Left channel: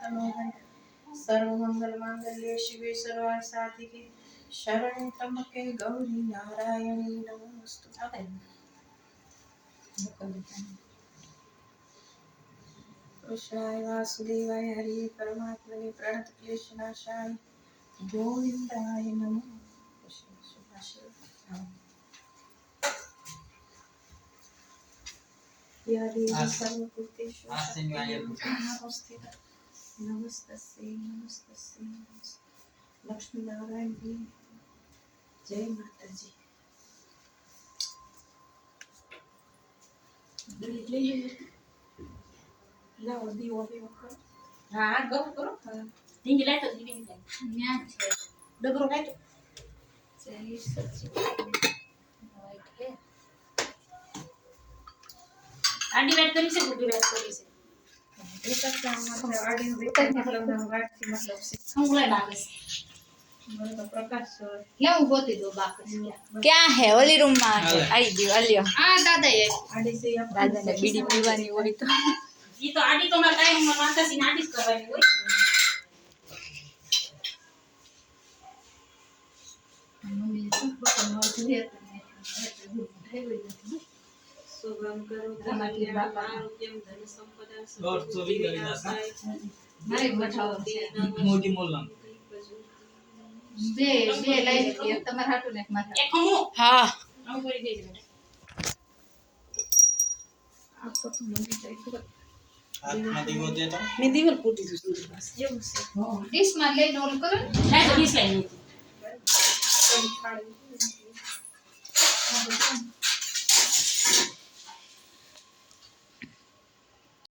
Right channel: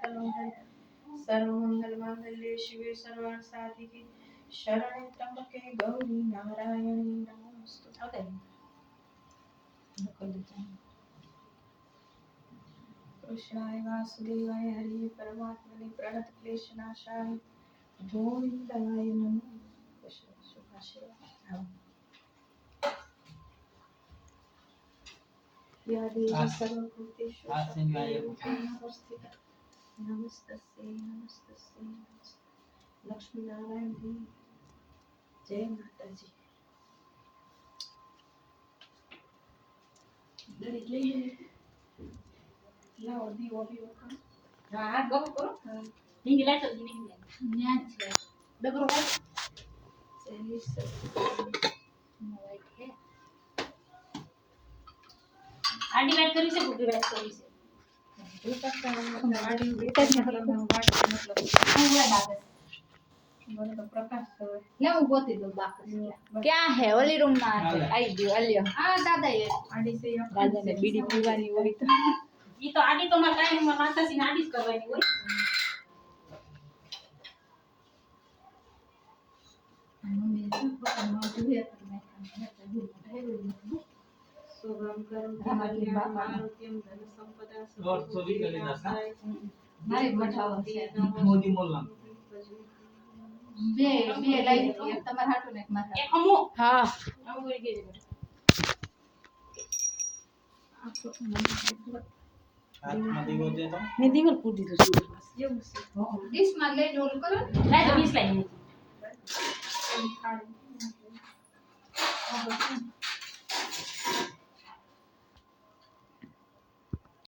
तनोहर सर्वमंगल मांगल्ये शिवे सर्वार्थ साधिके शरण्ये त्र्यंबके गौरी नारायणी नमोस्तुते। कृष्णाय वासुदेवाय हरि परमात्मने प्रणतक्लेशनाशाय गोविंदाय नमो। या देवी सर्वभूतेषु शक्तिरूपेण नमस्तस्यै नमस्तस्यै नमस्ते। लक्ष्मी नारायण जी जय माता जी। लाओ दीवो दीवो करो। हाँ गप करो। हाँ ढींगी लाइट ढींगी लाइट न्यान छे डबरो लाइट सही सच्ची लाइट है। आडी लाइट करी से बुटी लाइट करी से ये तक काम आडी मतलब गाठ मतलब पूरा बाकस મને તો પ્રકાશ લે હું ગોતી દો બાકસ ક્યાં હે ઓલી રૂમ માં આવી ગયો અલ્યો આ દાદા એ આડી સે દાદા ને બીડી પીવાની હોય તો ઈ તો આડી તો માર કાઈ ઉંમર માથાસી આડી જ કરવાની હોય। મમ્મી શું પકડ નો જોઈએ તો શુભમ કરોતિ કલ્યાણમ આરોગ્યમ ધન સંપદા और चोरी करी ना सा મારી મઠાઓ છે मोदी मोल्ला બે બે લઈ લે તમાર હાટુ ને માથા એક હમો હા આવું કરી દેજે આ ફોટો મને દેખો हाथ में दियो दे तो मैं दीवार पूटी तो सुन बस ये मुझसे डिश मार ले रोल करो नहीं तो डिश लाइन